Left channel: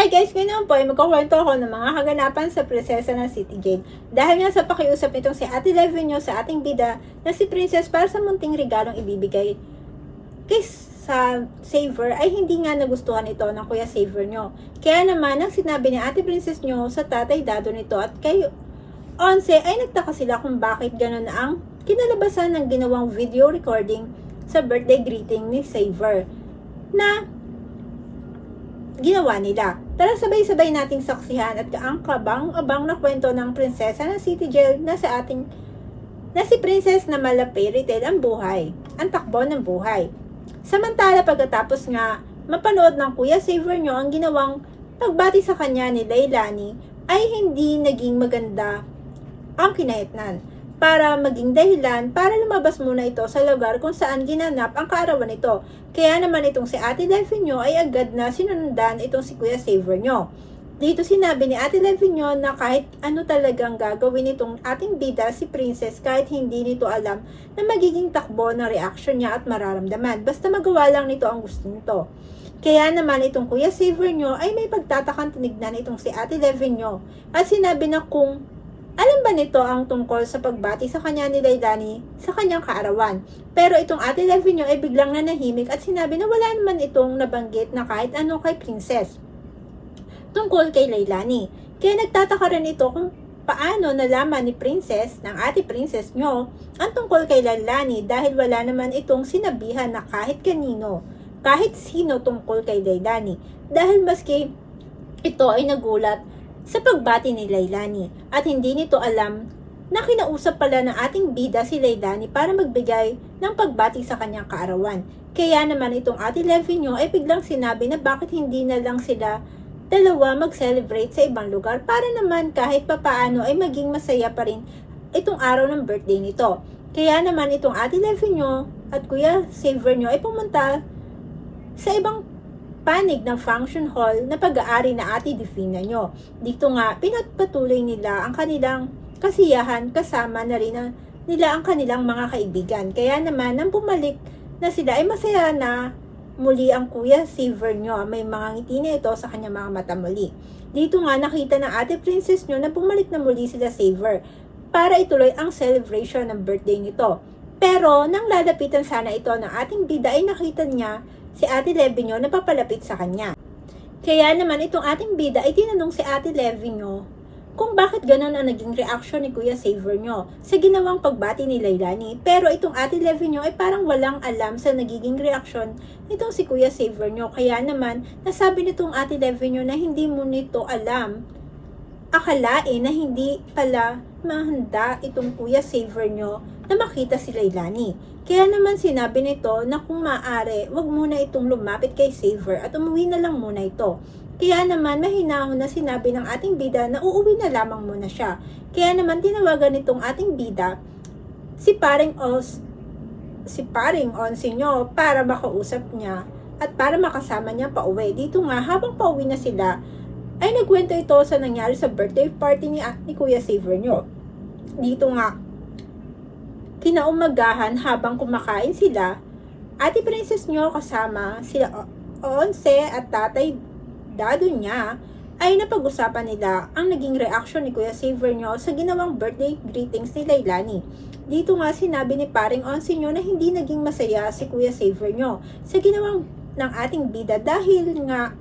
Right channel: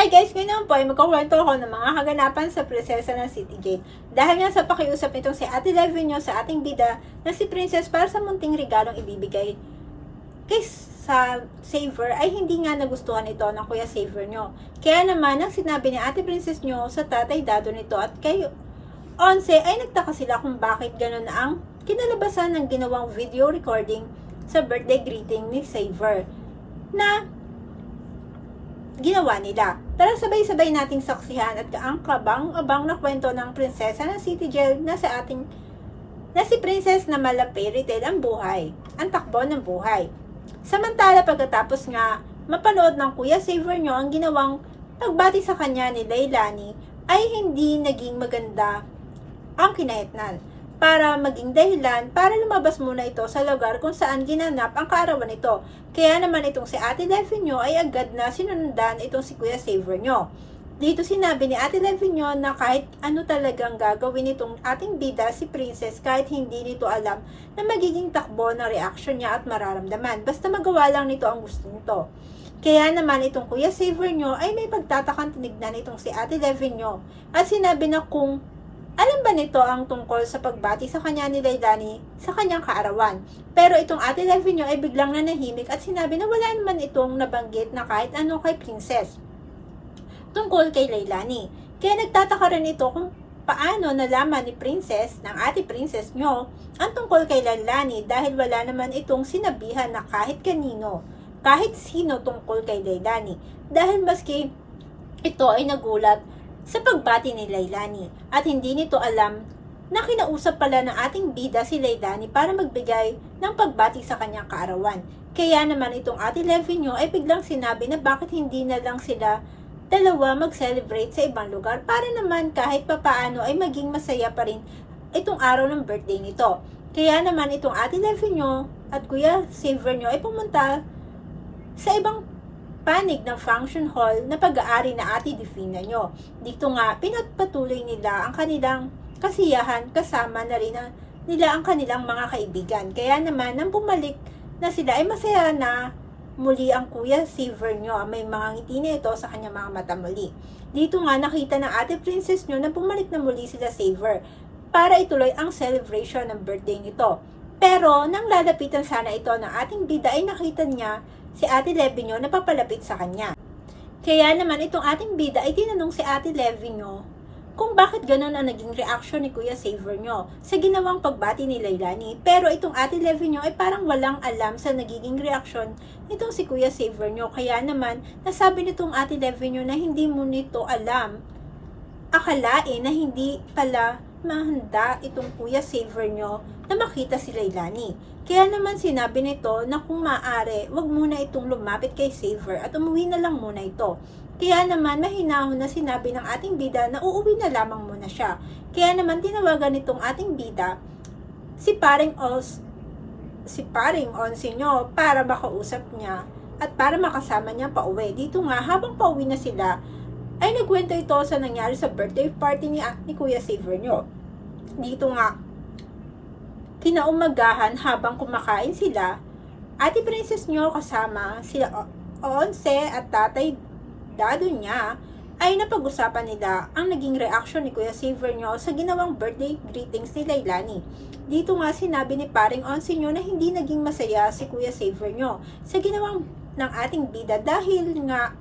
Hi guys, ngayon po ay magkukwento ako ng mga kaganapan sa Prinsesa ng City Gate. Dahil nga sa pakiusap nitong si Ate Levinyo sa ating bida na si Princess para sa munting regalong ibibigay kay sa Saver ay hindi nga nagustuhan ito ng Kuya Saver nyo. Kaya naman, ang sinabi ni Ate Princess nyo sa tatay dado nito at kay Onse ay nagtaka sila kung bakit gano'n ang kinalabasan ng ginawang video recording sa birthday greeting ni Saver na ginawa nila. Tara sabay-sabay nating saksihan at ang kabang-abang na kwento ng prinsesa ng City Jail na si Princess na mala fairy tale ang buhay, ang takbo ng buhay. Samantala pagkatapos nga mapanood ng Kuya Saver nyo ang ginawang pagbati sa kanya ni Leilani ay hindi naging maganda ang kinahitnan para maging dahilan para lumabas muna ito sa lugar kung saan ginanap ang kaarawan nito. Kaya naman itong si Ate Levinyo ay agad na sinundan itong si Kuya Saver nyo. Dito sinabi ni Ate Levinyo na kahit ano talagang gagawin itong ating bida si Princess kahit hindi nito alam na magiging takbo ng reaction niya at mararamdaman. Basta magawa lang nito ang gusto nito. Kaya naman itong Kuya Saver nyo ay may pagtatakang tinignan itong si Ate Levinyo at sinabi na kung alam ba nito ang tungkol sa pagbati sa kanya ni Leilani sa kanyang kaarawan? Pero itong Ate Levinyo ay biglang nanahimik at sinabi na wala naman itong nabanggit na kahit ano kay Princess tungkol kay Leilani. Kaya nagtataka rin ito kung paano nalaman ni Princess ng Ate Princess nyo ang tungkol kay Leilani dahil wala naman itong sinabihan na kahit kanino, kahit sino tungkol kay Leilani. Dahil maski ito ay nagulat sa pagbati ni Leilani at hindi nito alam na kinausap pala ng ating bida si Leilani para magbigay ng pagbati sa kanyang kaarawan. Kaya naman itong Ate Levinyo ay biglang sinabi na bakit hindi na lang sila dalawa mag-celebrate sa ibang lugar para naman kahit papaano ay maging masaya pa rin itong araw ng birthday nito. Kaya naman itong Ate Levinyo at Kuya Saver nyo ay pumunta sa ibang panig ng function hall na pag-aari na Ate Divina nyo. Dito nga, pinagpatuloy nila ang kanilang kasiyahan kasama na rin nila ang kanilang mga kaibigan. Kaya naman, nang bumalik na sila ay masaya na muli ang Kuya Saver nyo. May mga ngiti na ito sa kanyang mga mata muli. Dito nga, nakita ng Ate Princess nyo na bumalik na muli sila Saver para ituloy ang celebration ng birthday nito. Pero, nang lalapitan sana ito ng ating bida ay nakita niya si Ate Levinyo na papalapit sa kanya. Kaya naman itong ating bida ay tinanong si Ate Levinyo kung bakit ganun ang naging reaction ni Kuya Saver nyo sa ginawang pagbati ni Leilani. Pero itong Ate Levinyo ay parang walang alam sa nagiging reaksyon nitong si Kuya Saver nyo. Kaya naman nasabi nitong Ate Levinyo na hindi mo nito alam, akalain na hindi pala mahanda itong Kuya Saver nyo na makita si Leilani. Kaya naman sinabi nito na kung maaari, wag muna itong lumapit kay Saver at umuwi na lang muna ito. Kaya naman mahinahon na sinabi ng ating bida na uuwi na lamang muna siya. Kaya naman tinawagan nitong ating bida si Paring Onse nyo para makausap niya at para makasama niya pa uwi. Dito nga habang pauwi na sila ay nagkwento ito sa nangyari sa birthday party ni Kuya Saver nyo. Dito nga, kinaumagahan habang kumakain sila, Ate Princess nyo kasama sila Onse at tatay dado niya ay napag-usapan nila ang naging reaction ni Kuya Saver nyo sa ginawang birthday greetings ni Leilani. Dito nga sinabi ni Paring Onse nyo na hindi naging masaya si Kuya Saver nyo sa ginawang ng ating bida dahil nga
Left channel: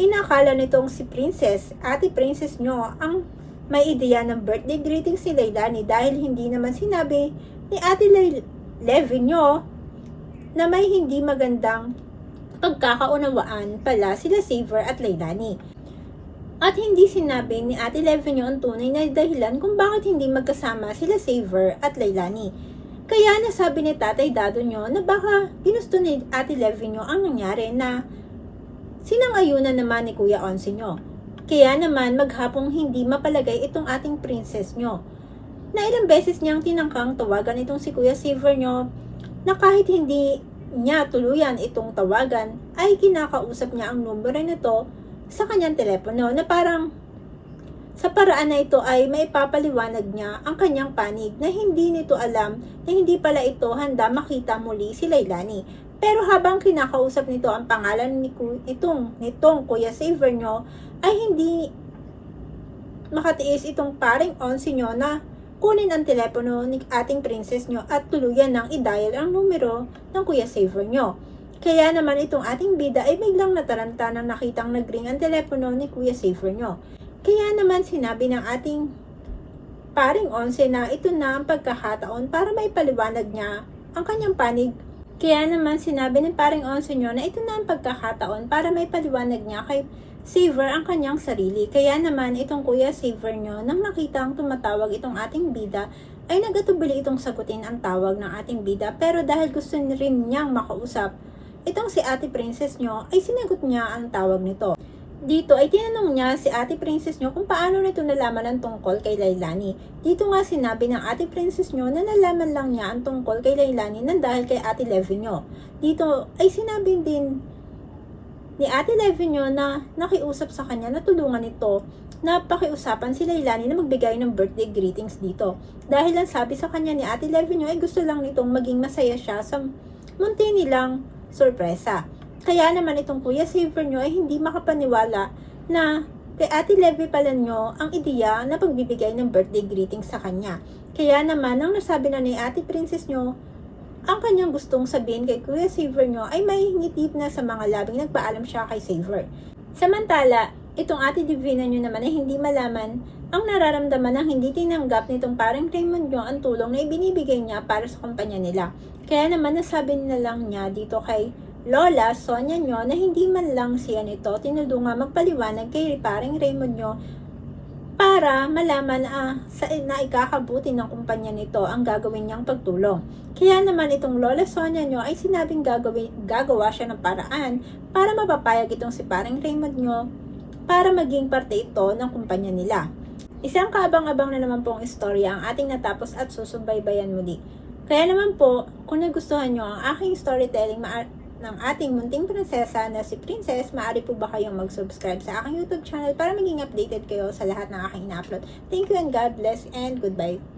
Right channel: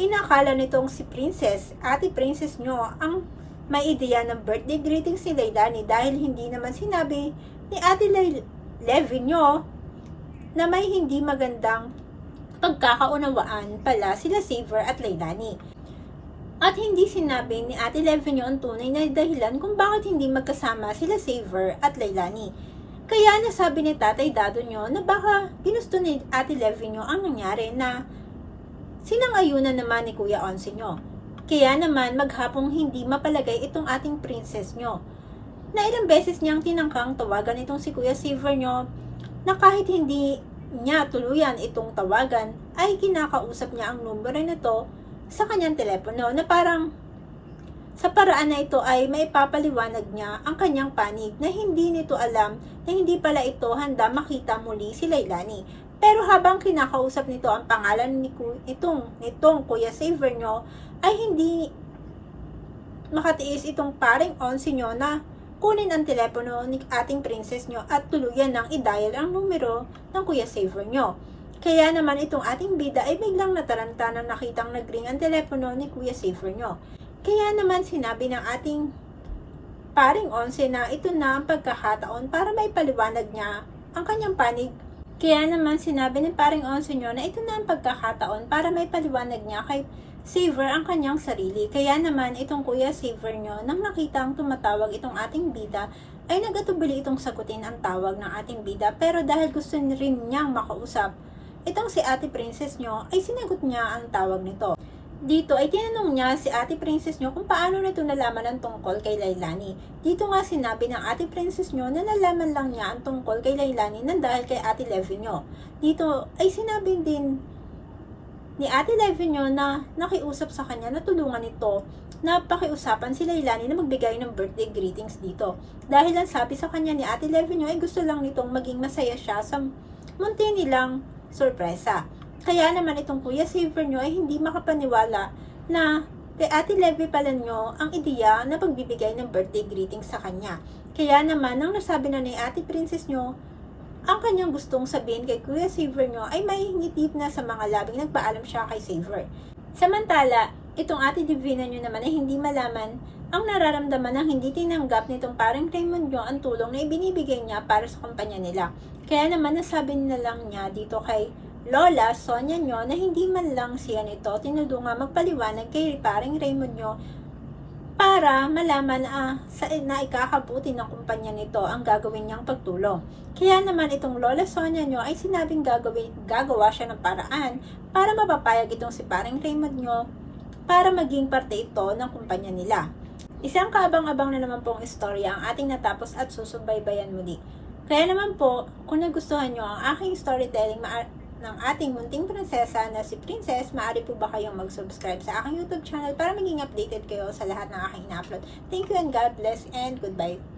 inakala nitong si Princess, Ate Princess nyo ang may ideya ng birthday greetings ni Leilani dahil hindi naman sinabi ni Ate Levinyo na may hindi magandang pagkakaunawaan pala sila Saver at Leilani. At hindi sinabi ni Ate Levinyo ang tunay na dahilan kung bakit hindi magkasama sila Saver at Leilani. Kaya nasabi ni Tatay Dado nyo na baka ginusto ni Ate Levinyo ang nangyari na sinang-ayunan naman ni Kuya Onse nyo. Kaya naman maghapong hindi mapalagay itong ating princess nyo na ilang beses niyang tinangkang tawagan itong si Kuya Saver nyo na kahit hindi niya tuluyan itong tawagan ay kinakausap niya ang numero nito sa kanyang telepono na parang sa paraan na ito ay may papaliwanag niya ang kanyang panig na hindi nito alam na hindi pala ito handa makita muli si Leilani. Pero habang kinakausap nito ang pangalan nitong Kuya Saver nyo, ay hindi makatiis itong paring Onsi nyo na kunin ang telepono ni ating princess nyo at tuluyan ng i-dial ang numero ng Kuya Saver nyo. Kaya naman itong ating bida ay biglang nataranta nang nakitang nagring ang telepono ni Kuya Saver nyo. Kaya naman sinabi ng ating paring Onse na ito na ang pagkakataon para may paliwanag niya ang kanyang panig. Kaya naman sinabi ng paring Onse nyo na ito na ang pagkakataon para may paliwanag niya kay Saver ang kanyang sarili. Kaya naman itong Kuya Saver nyo, nang nakitang tumatawag itong ating bida, ay nagatubili itong sagutin ang tawag ng ating bida. Pero dahil gusto rin niyang makausap itong si ate princess nyo, ay sinagot niya ang tawag nito. Dito ay tinanong niya si ate princess nyo kung paano nito nalaman ang tungkol kay Lailani. Dito nga sinabi ng ate princess nyo na nalaman lang niya ang tungkol kay Lailani nang dahil kay ate Levy nyo. Dito ay sinabi din ni ate Levy nyo na nakiusap sa kanya na tulungan ito na pakiusapan si Lailani na magbigay ng birthday greetings dito. Dahil ang sabi sa kanya ni ate Levy nyo ay gusto lang nitong maging masaya siya sa munti nilang sorpresa. Kaya naman itong Kuya Saver nyo ay hindi makapaniwala na kay ate Levy pala nyo ang ideya na pagbibigay ng birthday greetings sa kanya. Kaya naman nang nasabi na ni ate princess nyo ang kanyang gustong sabihin kay Kuya Saver nyo ay may ngitip na sa mga labing nagpaalam siya kay Saver. Samantala, itong ate Divina nyo naman ay hindi malaman ang nararamdaman ng hindi tinanggap nitong parang Raymond nyo ang tulong na ibinibigay niya para sa kumpanya nila. Kaya naman nasabi na lang niya dito kay Lola Sonia nyo na hindi man lang siya nito tinulungan magpaliwanag kay paring Raymond nyo para malaman na ikakabuti ng kumpanya nito ang gagawin niyang pagtulong. Kaya naman itong Lola Sonia nyo ay sinabing gagawa siya ng paraan para mapapayag itong si paring Raymond nyo para maging parte ito ng kumpanya nila. Isang kaabang-abang na naman pong istorya ang ating natapos at susubaybayan muli. Kaya naman po, kung nagustuhan nyo ang aking storytelling ng ating munting prinsesa na si Princess, maaari po ba kayong mag-subscribe sa aking YouTube channel para maging updated kayo sa lahat ng aking ina-upload. Thank you and God bless and goodbye.